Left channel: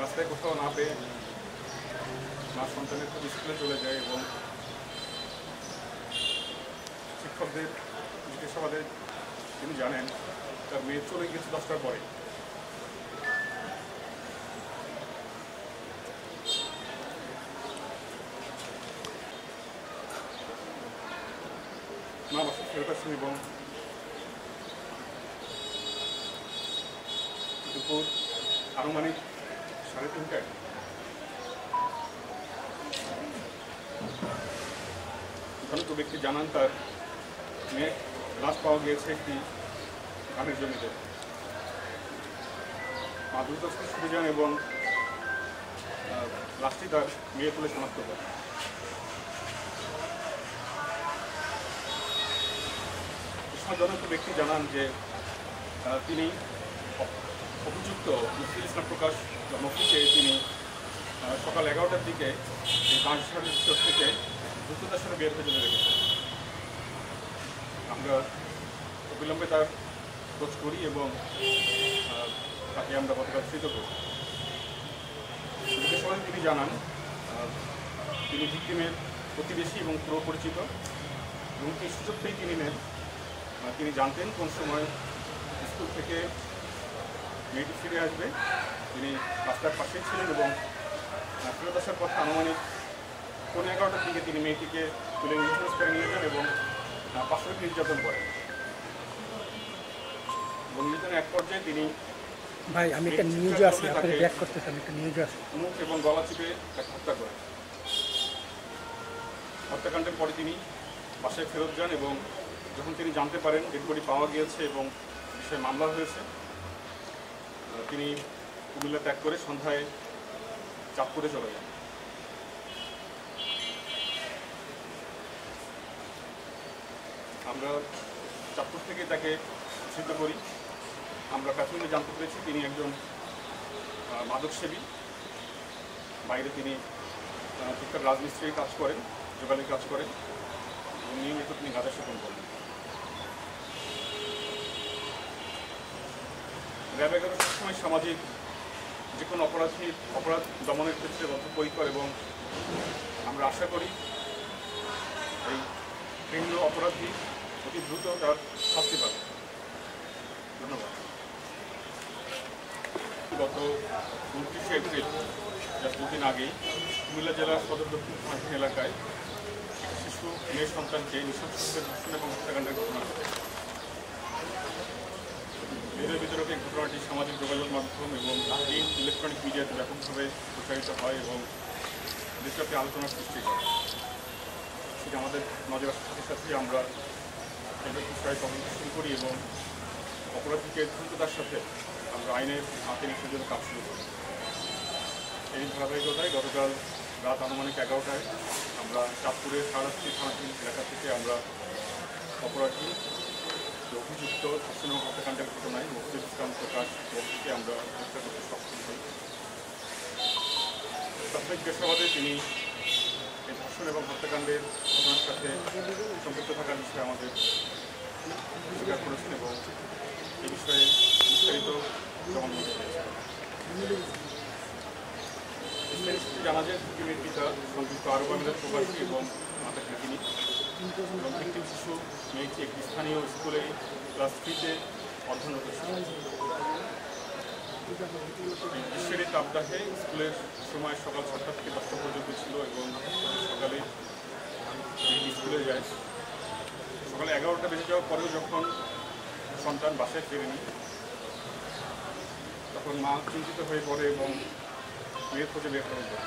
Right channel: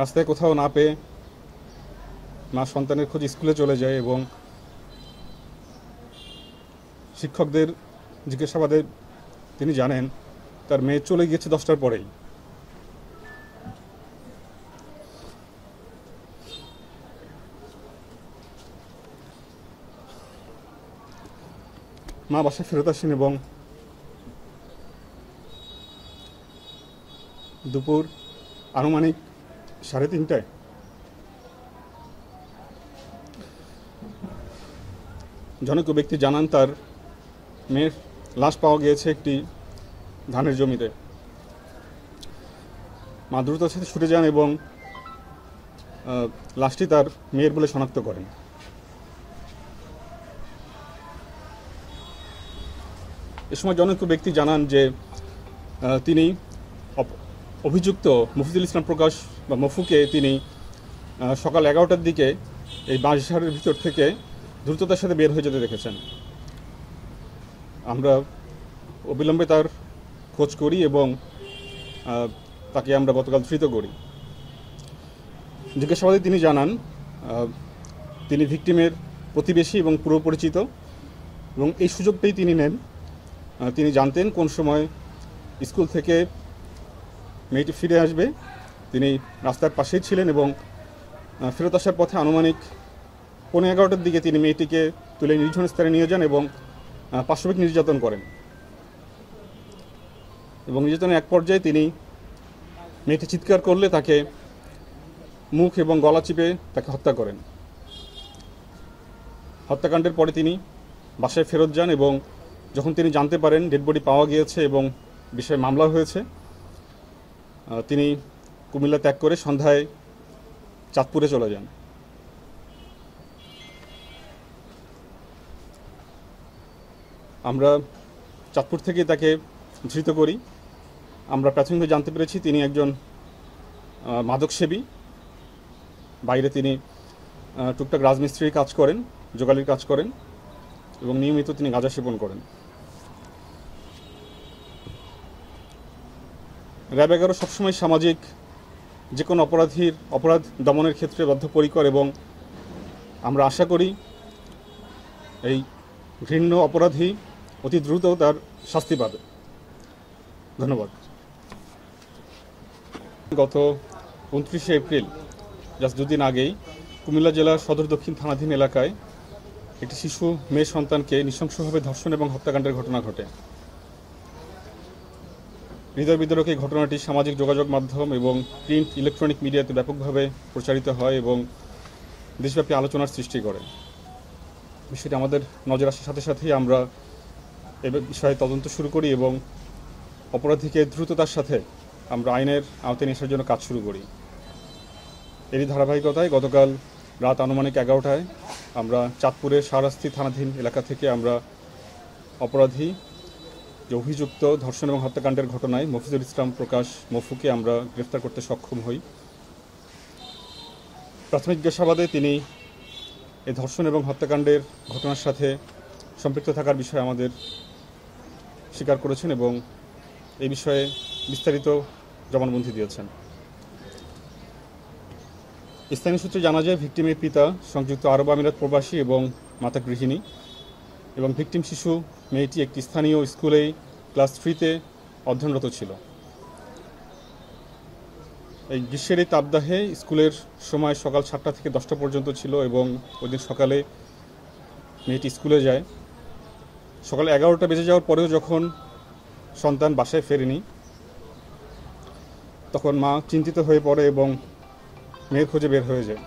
রাস্তায় কোথাও না পেয়ে মা সন্তানের খোঁজে স্কুলে চলে যায় এবং শিক্ষকদের জিজ্ঞাসাবাদে তিনি জানেন তার মেয়ে চলে গিয়েছে 10টার পরেই। মা বাসায় ফেরত আসেন এবং দুপুর আনুমানিক 3:30টায় জনৈক ব্যক্তি জানান তার মেয়ের লাশ পাওয়া গিয়েছে একটি ধানের জমিতে। মা দ্রুত সাথে ছুটে যান এবং লাশটি তার মেয়ের বলে শনাক্ত করেন। এ সময় জনৈক ব্যক্তি জানান যে তিনি অভিযুক্ত মফিজুল ইসলাম প্রকাশ বা মফুকে তিনি সকাল 11টার দিকে এই বাঁশঝাড়ের ভিতর থেকে দ্রুততার সাথে বের হয়ে যেতে দেখেছেন। আমরা অবিলম্বে তার খোঁজ করি এবং তাকে আমরা গতকাল ধৃত করি। জিজ্ঞাসাবাদে তিনি জানান তিনি ভিকটিমের প্রতিবেশী এবং পুরো পরিচিত এবং এই সুযোগটাই তিনি নেন। তিনি জানতেন কোন সময় স্কুল থেকে মেয়েটি ফিরে আসবে। তিনি রাস্তার পাশেই ছিলেন এবং ফেরত আসার পথে আনুমানিক 11:15টার দিকে তিনি মেয়েটিকে তুলে নির্জন স্থানে নিয়ে যান এবং পাশবিক নির্যাতন করেন এবং নির্যাতনের এক পর্যায়ে তিনি মেয়েটি চিৎকার করলে তাকে মুখ এবং গলা চিপে তাকে হত্যা করেন। হত্যাকাণ্ডের পরে তিনি বাসায় ফেরত যান এবং যখন তিনি জানতে পারেন ডেড বডি পাওয়া গিয়েছে এবং বিষয়ে মামলা হয়েছে, তিনি কুমিল্লা ত্যাগ করে সন্ধ্যায় চাঁদপুরে চলে যান। আমরা চাঁদপুর থেকে তাকে ধৃত করি। আমরা প্রাথমিকভাবে জানতে পেরেছি তিনি একজন মাদকসেবী। বাইরে তিনি টুকটাক রাজমিস্ত্রির কাজ করেন, যোগালির কাজ করেন এবং নিয়মিত তিনি গাঁজা সেবন করেন। র্যাব 11 সবসময় সামাজিক যে কোনো অপরাধ দমনের ক্ষেত্রে বদ্ধপরিকর এবং আমরা আশা করি এই ঘৃণ্য অপরাধী অতি দ্রুত তার শাস্তি পাবে। ধন্যবাদ। গত 29শে এপ্রিল জাস্ট দুদিন আগেই কুমিল্লা জেলার সদর দক্ষিণ থানাধীন এলাকায় একটি শিশু মেয়ে সন্তানকে নৃশংসভাবে ধর্ষণ এবং হত্যাকাণ্ডের ঘটনা ঘটে। হৃদয় বিদারক এই ঘটনাটি সামাজিক যোগাযোগ মাধ্যম এবং প্রিন্ট ইলেকট্রনিক মিডিয়াতে ব্যাপকভাবে প্রচারিত হয় এবং দেশব্যাপী আলোচনার সৃষ্টি করে। বিষয়টি আমাদের নজর আসার সাথে সাথেই আমরা এ বিষয়ে তদন্ত শুরু করি এবং অপরাধীকে দ্রুততার সাথে আমরা আইনের আওতায় নিয়ে আসার জন্য কাজ শুরু করি। এরই ধারাবাহিকতায় গতকাল রাত আনুমানিক 11টায় আমরা চাঁদপুরের শাহরাস্তি থানাধীন এলাকা থেকে আমরা অপরাধী অভিযুক্ত ধর্ষণ এবং হত্যাকাণ্ডের ঘটনায় মফিজুল ইসলাম প্রকাশ মফুকে আমরা গ্রেফতার করতে সক্ষম হই। প্রাথমিক জিজ্ঞাসাবাদে তিনি এই ধর্ষণ এবং হত্যাকাণ্ডের ঘটনার সাথে সম্পৃক্ত থাকার বিষয়ে আমাদের স্বীকার করেছেন এবং এই বিষয়ে বিস্তারিত জবানবন্দি দিয়েছেন। স্থানীয় সূত্রে জানা যায় ভিকটিমের পিতা সংযুক্ত আরব আমিরাত প্রবাসী এবং মাতা গৃহিণী এবং ভিকটিম শিশু মেয়েটি একটি স্থানীয় স্কুলেই ক্লাস 3তে অধ্যয়নরত ছিল। এই গ্রীষ্মের এই তাপদাহে স্কুলের সময় সকাল 7টা থেকে 10টা পর্যন্ত ছিল এবং ওদিন সকালে মেয়েটি স্কুলে যায়। সকালে 11টা বেজে যাওয়ার পরেও যখন সন্তান বাসায় ফেরেনি তখন মা চিন্তিত হয়ে পড়ে এবং মেয়ের খোঁজে বের হয়ে যায়।